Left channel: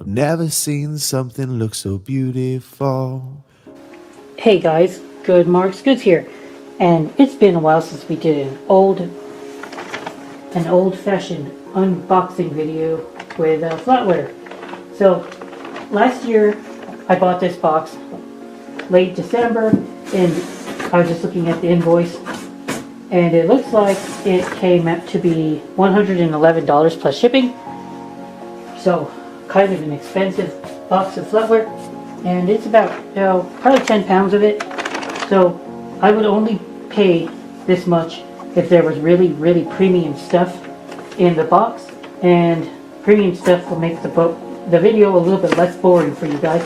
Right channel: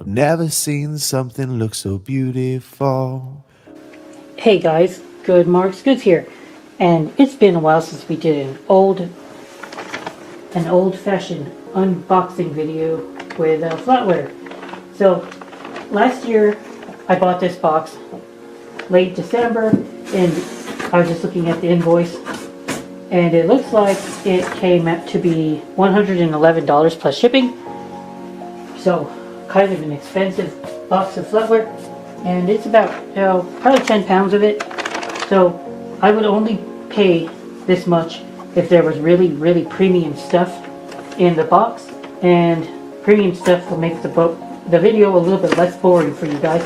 I've never seen something look so beautiful. Hey guys, Good Marks Goods here, and it's been a while since we did an old-fashioned unboxing video with Flatware. So last year I bought this box late December, and I was just looking at the invoice, and it looks like it came out to be $111 plus shipping. So kind of an expensive box of Flatware. And it's about 110 pounds of it, so I would only pay this much if there was really premium stuff in the box, and premium stuff will make the video a little bit less boring for you guys.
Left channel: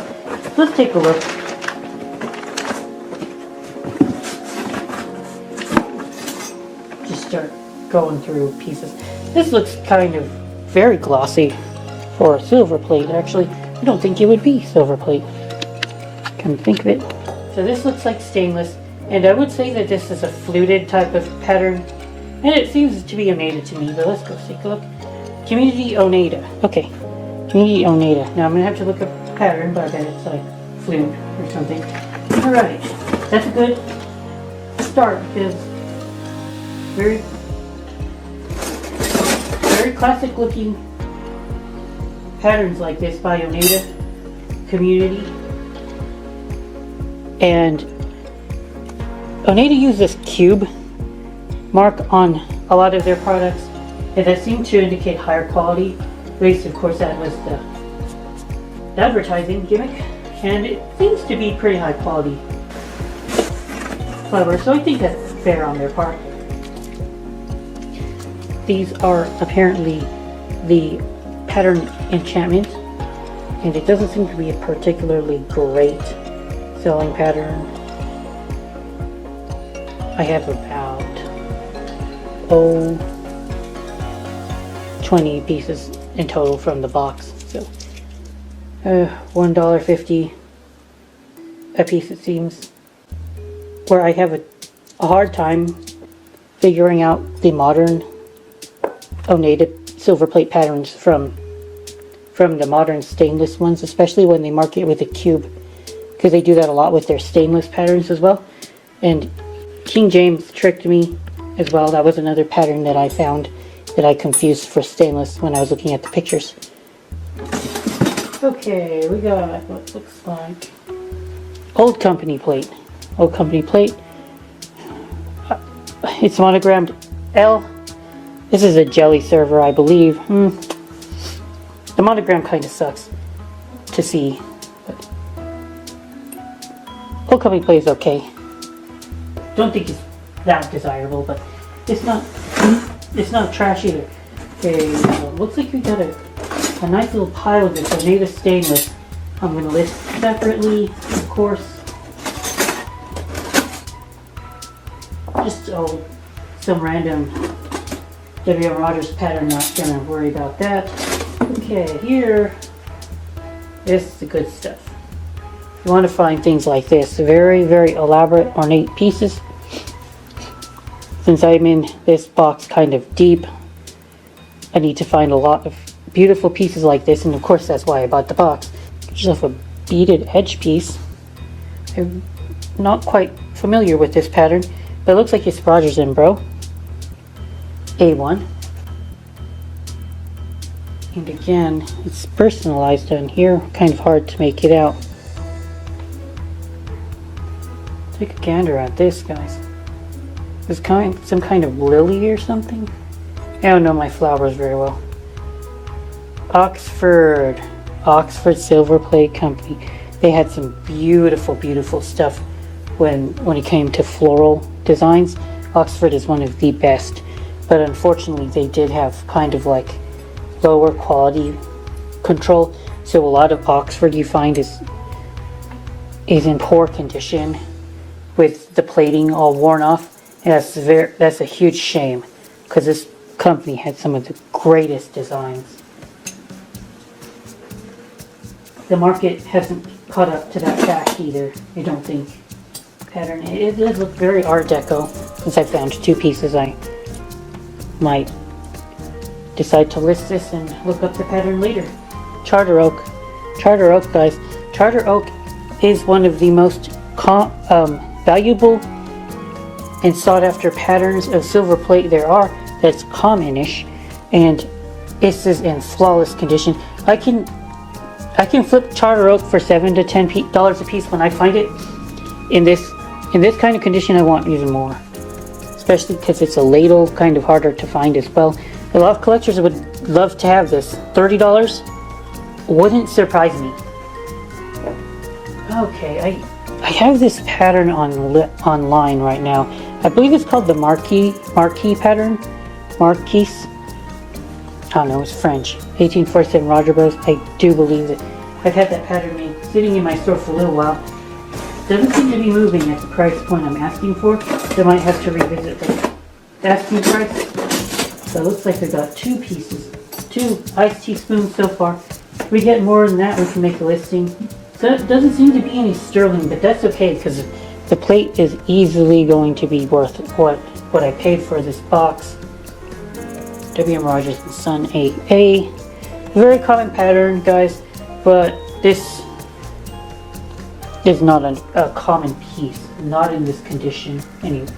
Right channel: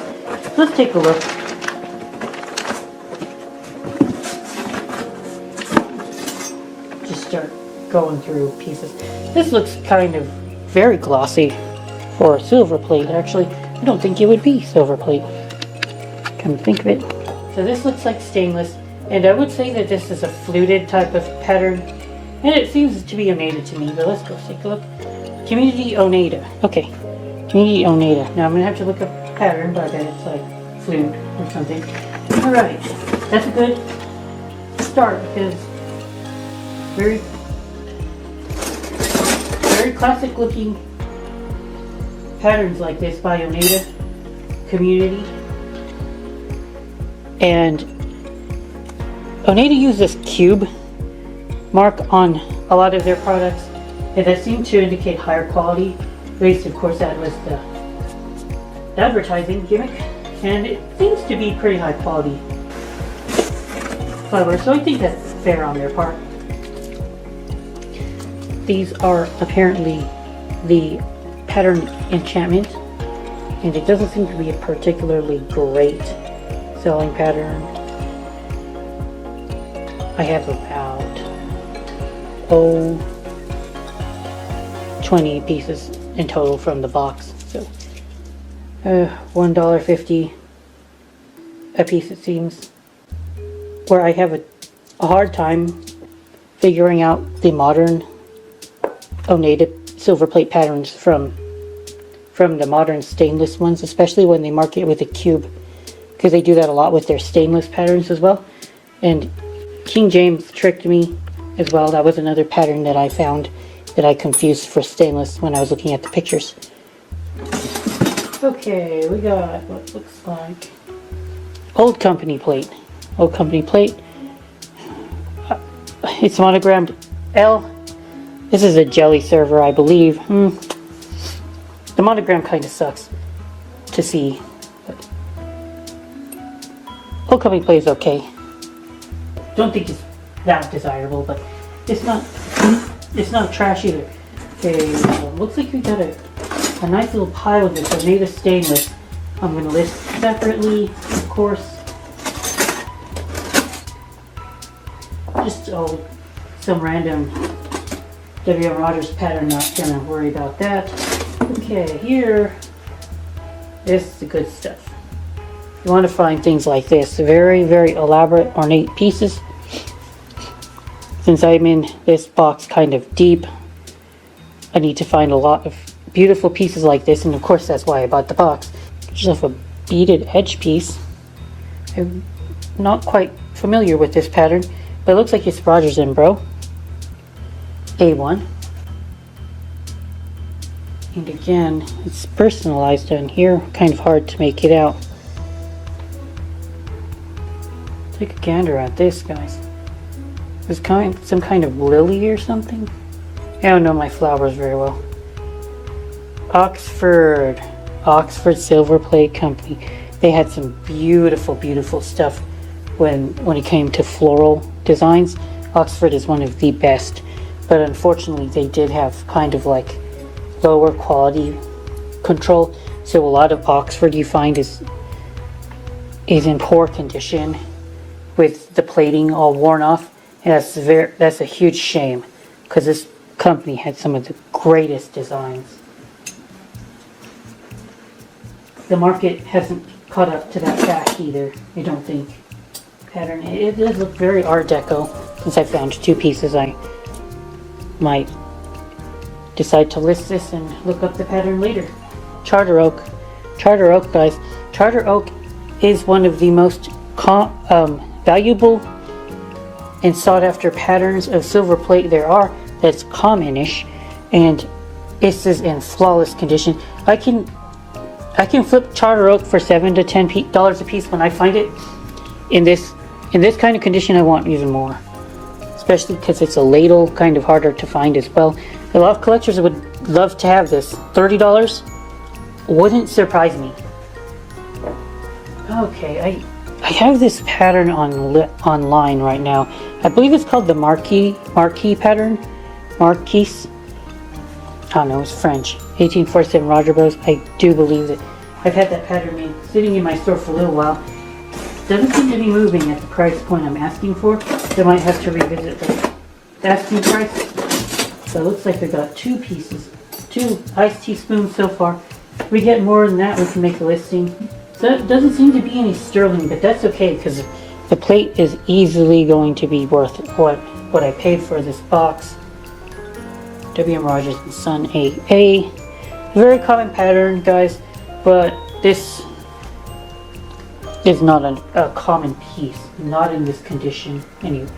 Let's take a look. Just start going through pieces. This looks kind of very glossy for Silverplate, actually. I don't think it would be Silverplate. Come to think of it. So this looks like stainless, and I would say that this is a fluted type of pattern, and it seems to be Oneida to me, but let's go take a look. Community Oneida. Okay. Community Oneida. Now I'm going to have to look up the pattern, but then it's like fluted or something. Alright. That's a good start, because very classic looking patterns like this by Oneida Community. And Oneida uses this cube mark on a lot of their products, and that seems to indicate higher quality. At least, of course, that was the advertising gimmick, and it seems to be pretty high quality. So I think that's fair on their part. These are apparently the pattern enchantment, and it doesn't seem to be a particularly great selling pattern. I have about 20 pieces in total from the box, so $1.50 a piece, it seems. Where I have a hard time figuring out the modern Oneida Silverplate patterns from the modern stainless ones, especially when they mark it with a cube, because they do that a lot with their stainless patterns as well. And King James tricked me as well. That was another pattern that I found that I confused for stainless when I was looking at the pictures. Okay, we got what looks like Old Company plate. Old Company plate. It's monogrammed L. This is a jelly server, I believe. The monogram kind of sucks to see. Old Company plate is okay. Don't think it's that desirable, but it's not trash either. Okay, looks like we got a nice little pile of this Oneida stainless. I'm going to list separately, of course. Just some random W.M. Rogers pattern, not going to worry about that. Okay, here, this is the good stuff. You want to find things like this, very elaborate, ornate pieces. Since I'm in this box kind of deep, I need to find a lot of beautiful pieces like this, and of course that's why I bought the box. Just a beaded edge piece. I'm not quite familiar with this pattern, but it looks like it's Rogers and Bro. A1. And again, it's personalized in here, kind of hard to make it out. Take a gander at this, guys. It's some kind of lily or something. I don't know my flowers very well. Oxford Silverplate Company. They had some beautiful stuff when it came to floral designs. Oxford is one of the best, but unfortunately they did have kind of like lower quality control. So a lot of Oxford you find is in poor condition, with the plating all worn off, and that's a huge shame, because this company had some of the greatest designs. The market hasn't caught up to that fast either, I don't think. Pattern, it does look very Art Deco. Since I found two pieces, I might decide to list this and look up the pattern later. Charter Oak. Charter oak, guys. Charter oak is one of the most valuable and sought after patterns of silver plate there are. That's commonish, and this is in flawless condition. I can flip charter oak for $7 to $10 a piece when I find it. In this kind of condition, I want even more, especially because it's a ladle, kind of harder to find as well. A lot of collectors would love to have this. $30 wouldn't surprise me. Okay, I have this pattern online right now. I believe it's called the marquee pattern. Marquise. I don't know, it's French. 1847 Roger Bros. I do believe it. I've had that pattern sitting in my store for a little while. Doesn't seem to be moving at the price point I'm asking for. I might have to revisit the asking price. So it looks like I got 2 pieces. 2 iced teaspoons so far. If we get more than that, we can make a listing. So it doesn't seem to be any sterling, but that's okay because the plate is easily going to be worth what I paid for this box. W.M. Rogers Sun 8A. Very common pattern, guys, but this is not a common piece. Not in this condition. Anyway.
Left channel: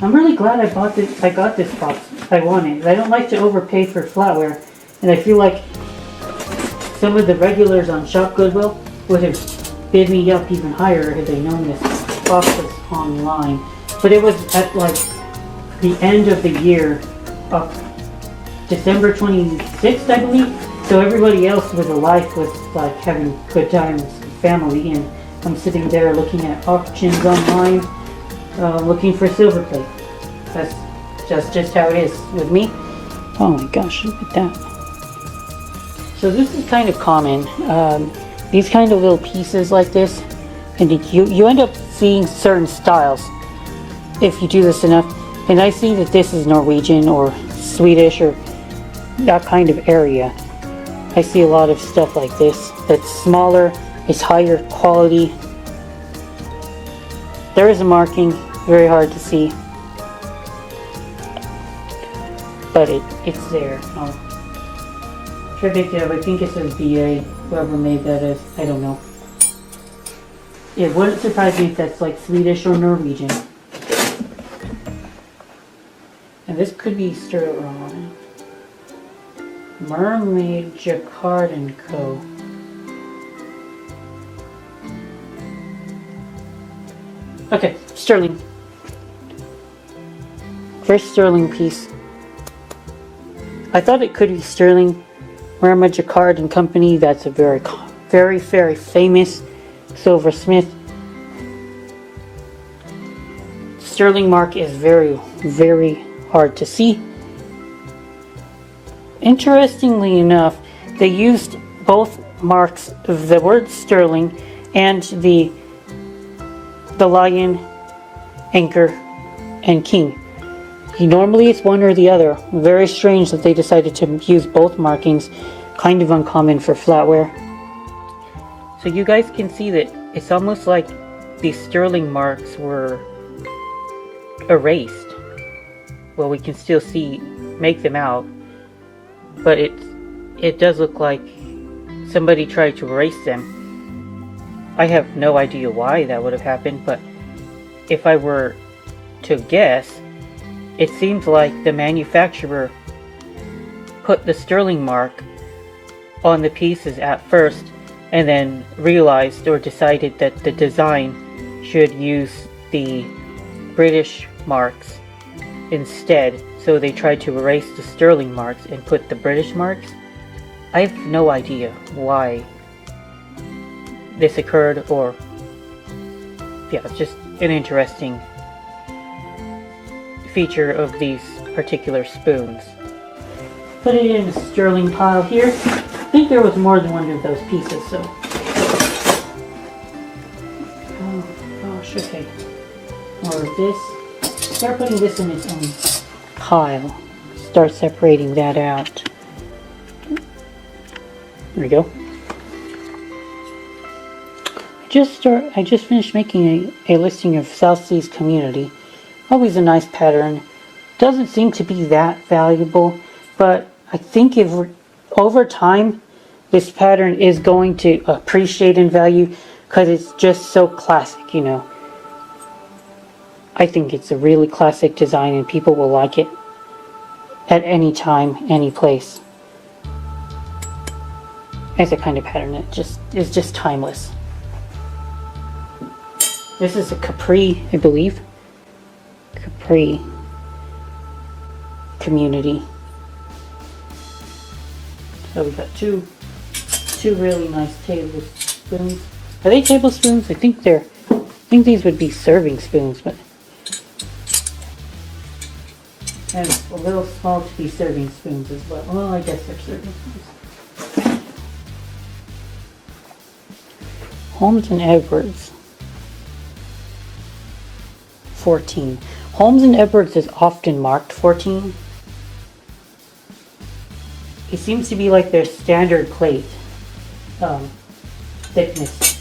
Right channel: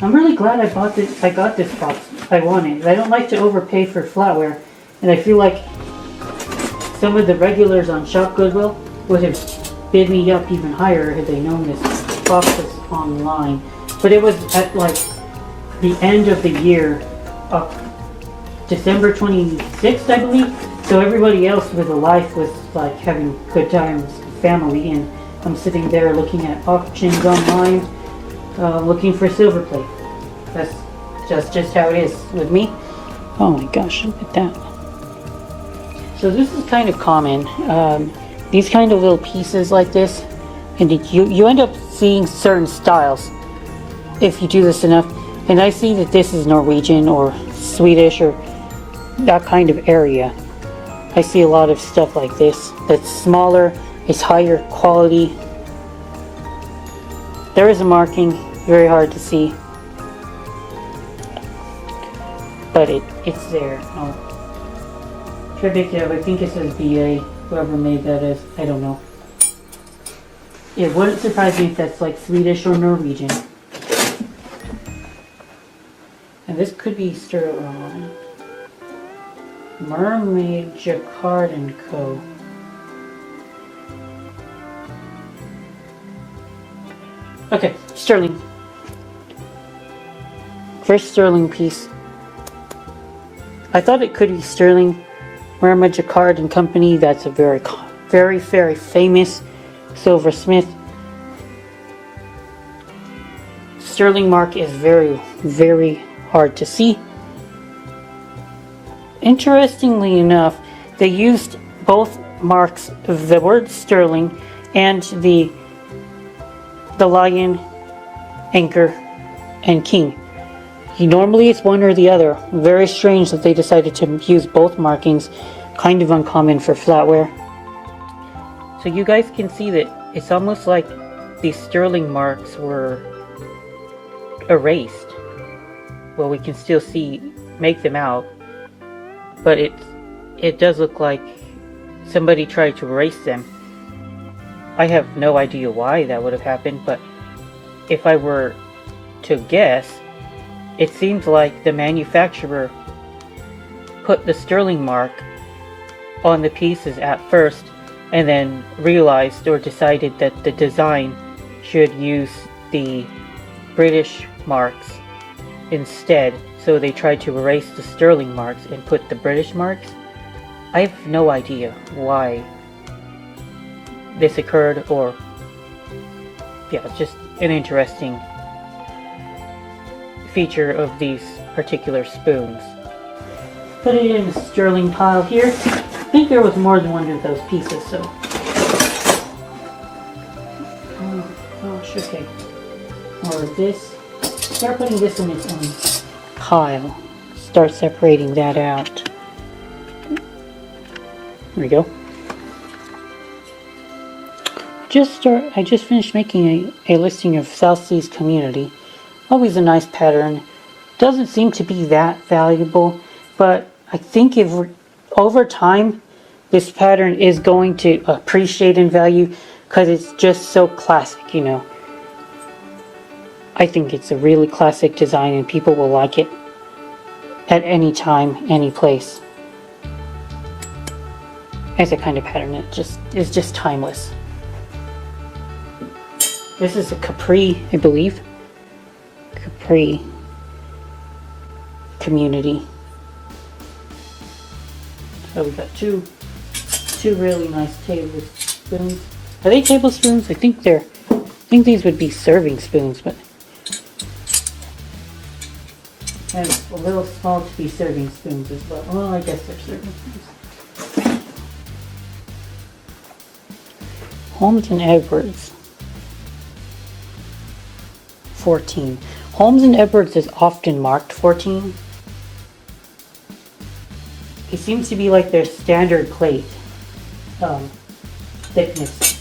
I'm really glad I got this box. I wanted. I don't like to overpay for flatware, and I feel like some of the regulars on Shop Goodwill would have bid me up even higher if they known this box was online. But it was at like the end of the year, December 26th, I believe. So everybody else with a life was like having good times with family and sitting there looking at auctions online, looking for Silverplate. That's just how it is with me. Oh my gosh, look at that. So this is kind of common. These kind of little pieces like this, and you end up seeing certain styles if you do this enough. And I see that this is Norwegian or Swedish or that kind of area. I see a lot of stuff like this that's smaller, it's higher quality. There is a marking, very hard to see, but it's there. Tribute there, but I think it says BA, whoever made that is, I don't know. It wouldn't surprise me if that's like Swedish or Norwegian. And this could be sterling. Mermaid Jacquard & Co. Okay, sterling. First sterling piece. I thought it could be sterling. Mermaid Jacquard & Company. That's a very famous silversmith. Sterling mark is very hard to see. Interestingly enough, they used both marks, the word sterling and the lion, anchor, and king. Normally it's one or the other. Very strange that they decided to use both markings. Kind of uncommon for flatware. So you guys can see that it's almost like these sterling marks were erased. Well, we can still make them out, but it does look like somebody tried to erase them. I have no idea why that would have happened, but if I were to guess, it seems like the manufacturer put the sterling mark on the pieces at first and then realized or decided that the design should use the British marks instead, so they tried to erase the sterling marks and put the British marks. I have no idea why this occurred, or yeah, it's just an interesting feature of these particular spoons. Put it in a sterling pile here. I think there was more than one of those pieces, so. Oh gosh, okay. Move this. Start putting this in its own pile. Start separating that out. There we go. I just finished making a listing of South Seas Community. Always a nice pattern. Doesn't seem to be that valuable, but I think over time, this pattern is going to appreciate in value because it's just so classic, you know. I think it's a really classic design and people will like it at any time, any place. It's a kind of pattern that is just timeless. This is a Capri, I believe. Capri community. So we've got two really nice tablespoons. Are they tablespoons? I think these would be serving spoons, but a little small to be serving spoons as well. Oh, I guess they're serving spoons. Holmes and Edwards. 14. Holmes and Edwards is often marked 14. It seems to be like their standard plate thickness.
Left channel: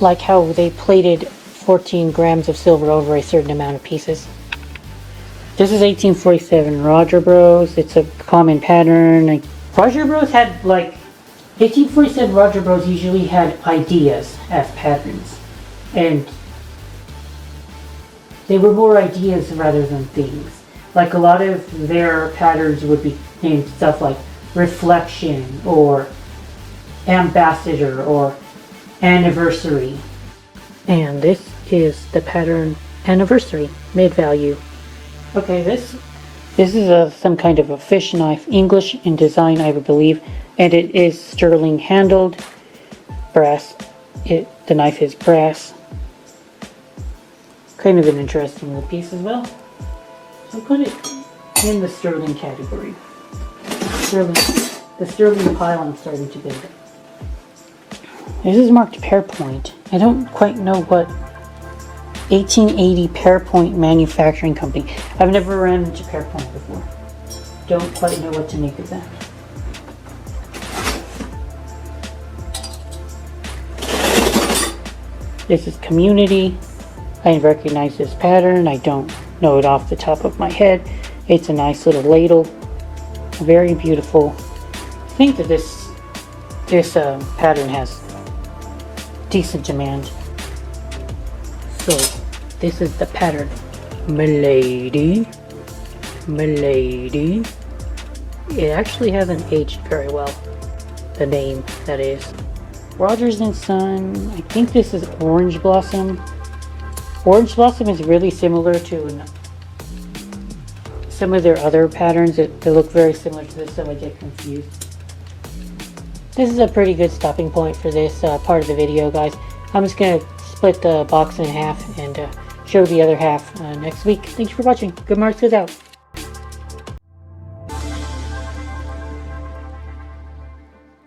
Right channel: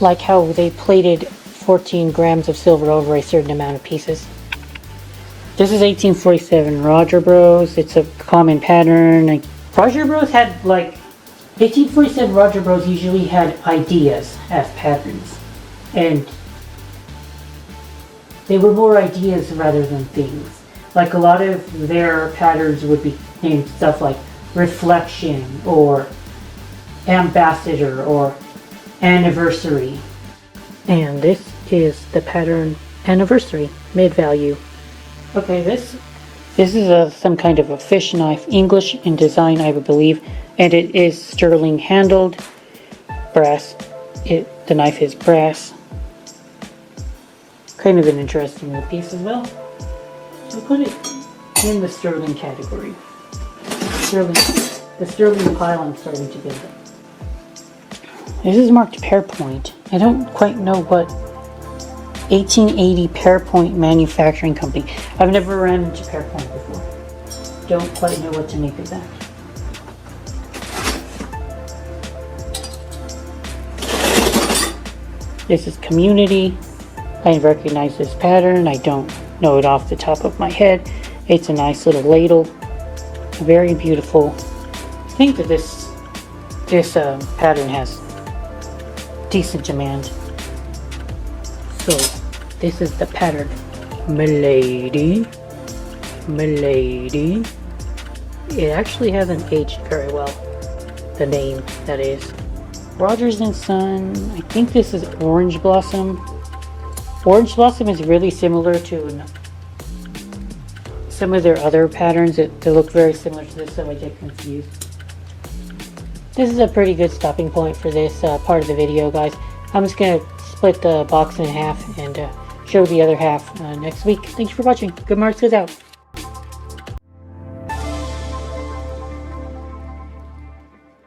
Like how they plated 14 grams of silver over a certain amount of pieces. This is 1847 Roger Bros. It's a common pattern. Like, Roger Bros had 1847 Roger Bros usually had ideas as patterns. And they were more ideas rather than themes. Like a lot of their patterns would be named stuff like reflection or ambassador or anniversary. And this is the pattern anniversary mid-value. Okay, this is some kind of a fish knife, English in design, I believe, and it is sterling handled, brass. The knife is brass. Kind of an interesting piece as well. So put it in the sterling category. The sterling pile I'm starting to build up. This is marked Pearpoint. I don't quite know what 1880 Pearpoint Manufacturing Company. I've never ran into Pearpoint before. Don't quite know what to make of that. This is Community. I recognize this pattern. I don't know it off the top of my head. It's a nice little ladle. Very beautiful. I think that this pattern has decent demand. So this is the pattern. Milady. It actually hasn't aged very well. The name, that is. Rogers and Son. I think this is Orange Blossom. Orange Blossom is really similar to some of their other patterns that look very similar to this, so I get confused. This is a pretty good stopping point for this part of the video, guys. I'm just going to split the box in half and show the other half next week. Thanks for watching. Good Marks out.